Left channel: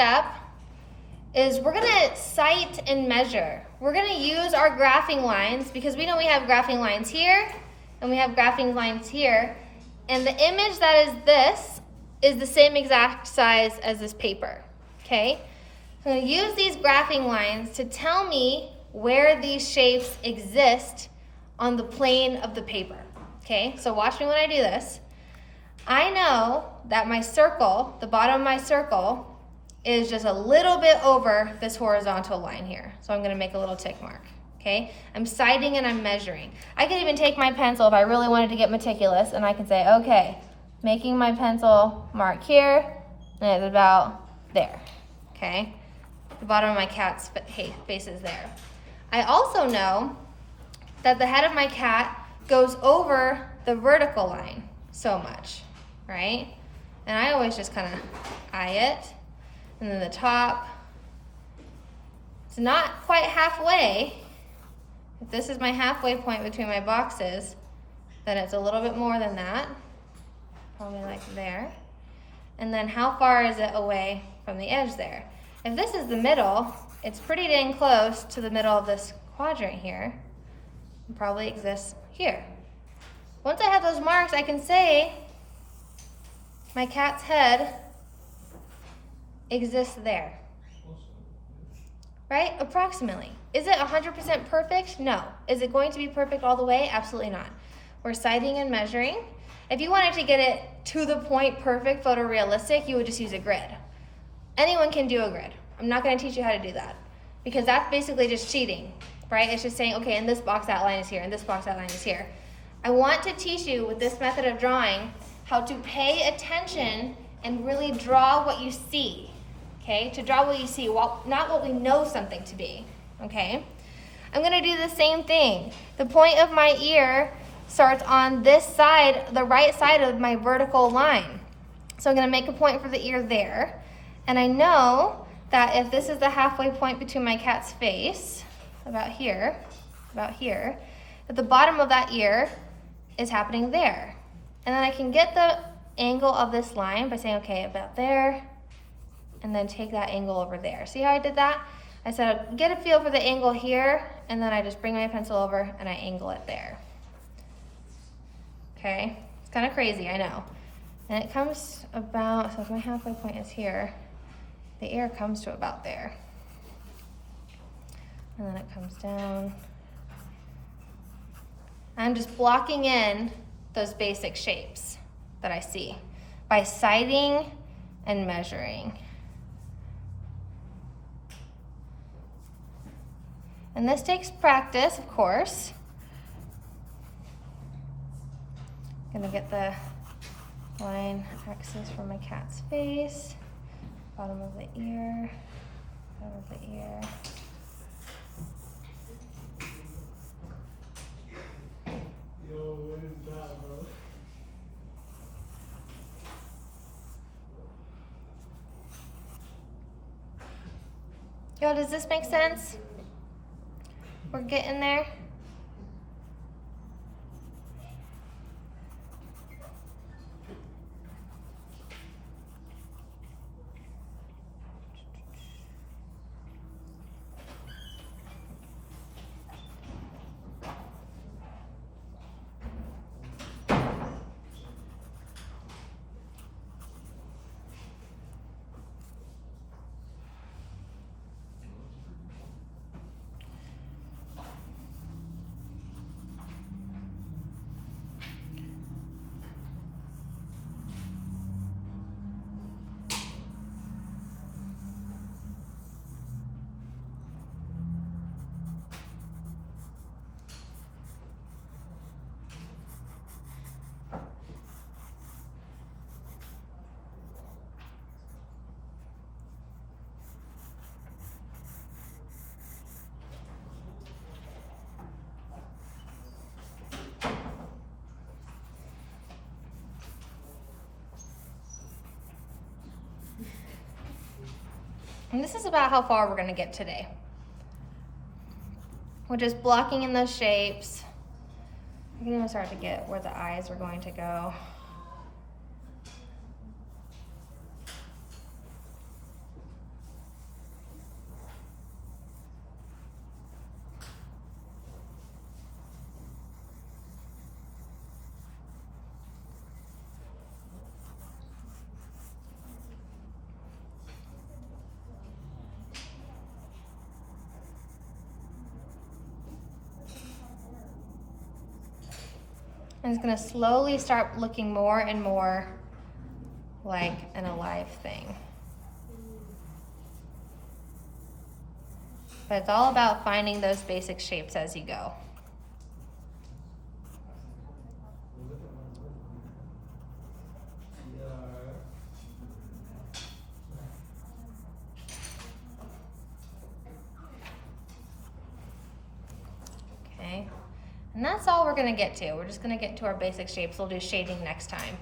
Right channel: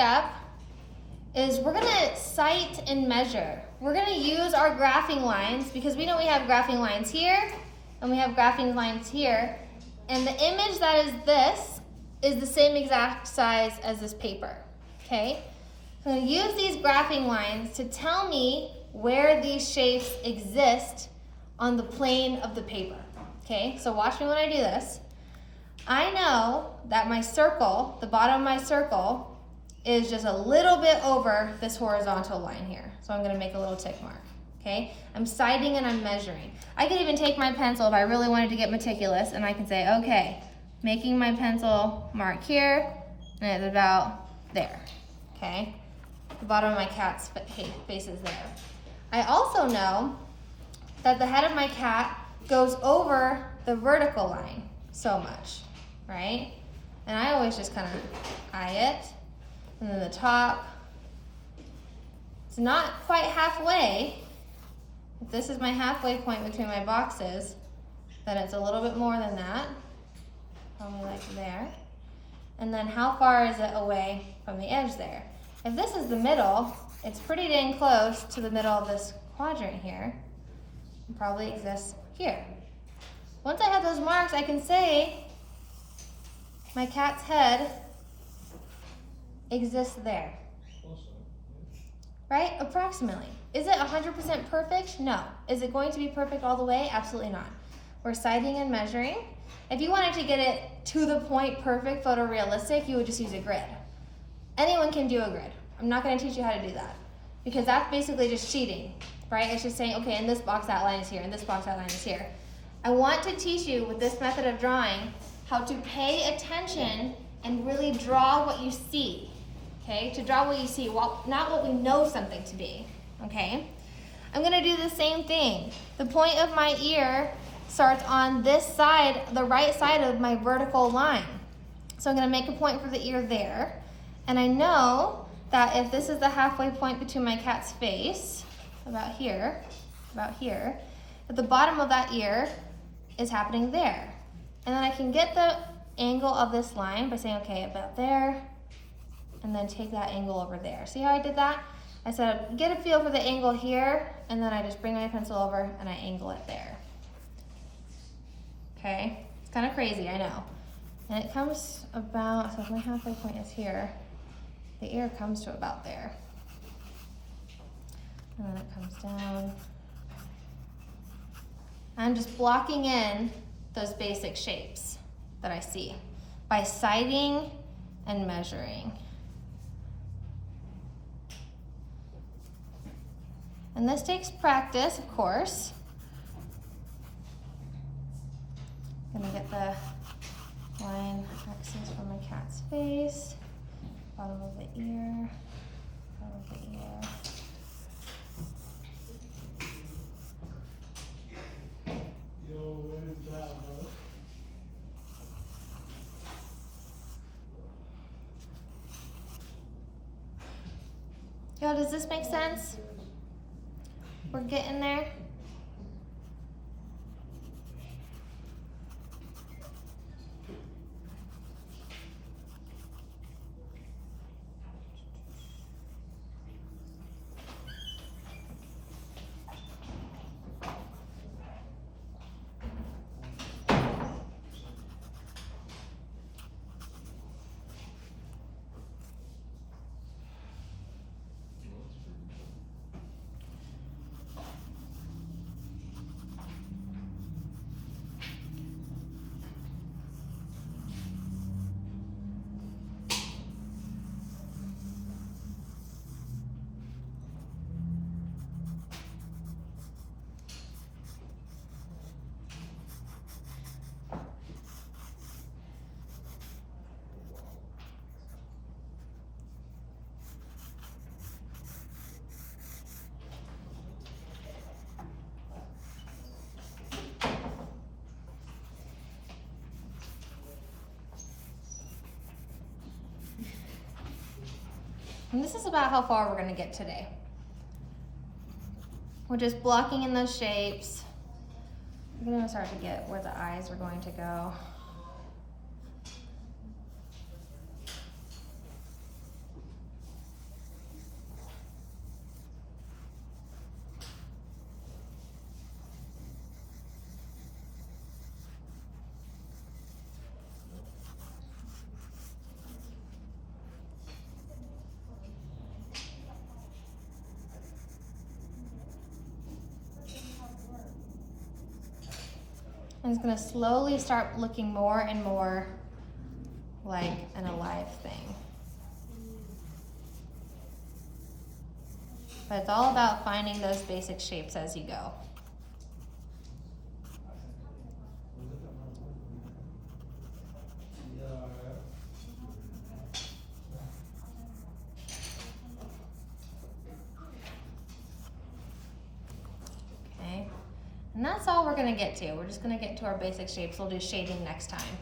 step is we're gonna sight and measure. We're gonna use our graphing lines because we know we have graphing lines here and we have graphing lines here. And the image that is this is the same exact size as this paper, okay? I'm gonna use these graphing lines to tell me where these shapes exist on the plane of the paper, okay? So watch me when I do this. I know that my circle, the bottom of my circle, is just a little bit over this horizontal line here. So I'm gonna make a little tick mark, okay? I'm sighting and I'm measuring. I could even take my pencil if I really wanted to get meticulous and I can say, okay, making my pencil mark here, and it's about there, okay? The bottom of my cat's face is there. I also know that the head of my cat goes over the vertical line so much, right? And I always just kind of eye it. And then the top, it's not quite halfway. If this is my halfway point between my boxes, then it's a little bit more than that, probably like there. And then how far is it away from the edge there? If this is the middle, it's pretty dang close to the middle of this quadrant here. It probably exists here. Once I have those marks, I can say my cat's head exists there, right? Approximately. Is it 100% perfect? No. Is it going to be perfect all the way? Absolutely not. We're sighting and measuring. If you wanted to get it to the point perfect, photorealistic, you would just use a grid. Anyone can do a grid. I'm not going to teach you how to do that because that's basically just cheating, right? It's just saying, okay, in this box that line is here, and this box that line is here. I want to teach you with this method of drawing how to pay attention and really draw what you see. Okay, to draw what you see, not what we know something to be, okay? I'm gonna do the same thing. The point of my ear starts on this side, the right side of my vertical line. So I'm gonna make a point for the ear there. And I know that if this is the halfway point between my cat's face, about here, that the bottom of that ear is happening there. And then I can get the angle of this line by saying, okay, about there, and then take that angle over there. See how I did that? I said, get a feel for the angle here, and then I just bring my pencil over and I angle it there. Okay, it's kind of crazy, I know. And it comes about, so if my halfway point is here, the ear comes to about there. And then it comes down. I'm just blocking in those basic shapes that I see by sighting and measuring. And this takes practice, of course. Gonna get the line axis for my cat's face, bottom of the ear, bottom of the ear. Yo, what is that, bro? Yo, does this make sense? We're getting there. And this is about how far we're gonna get today. We're just blocking in those shapes. I'm gonna start to get where the eyes are going to go. And it's gonna slowly start looking more and more like an alive thing. But it's all about finding those basic shapes as you go. Okay, and that's all we're gonna get to. We're just gonna get to our basic shapes. We'll do shading next time.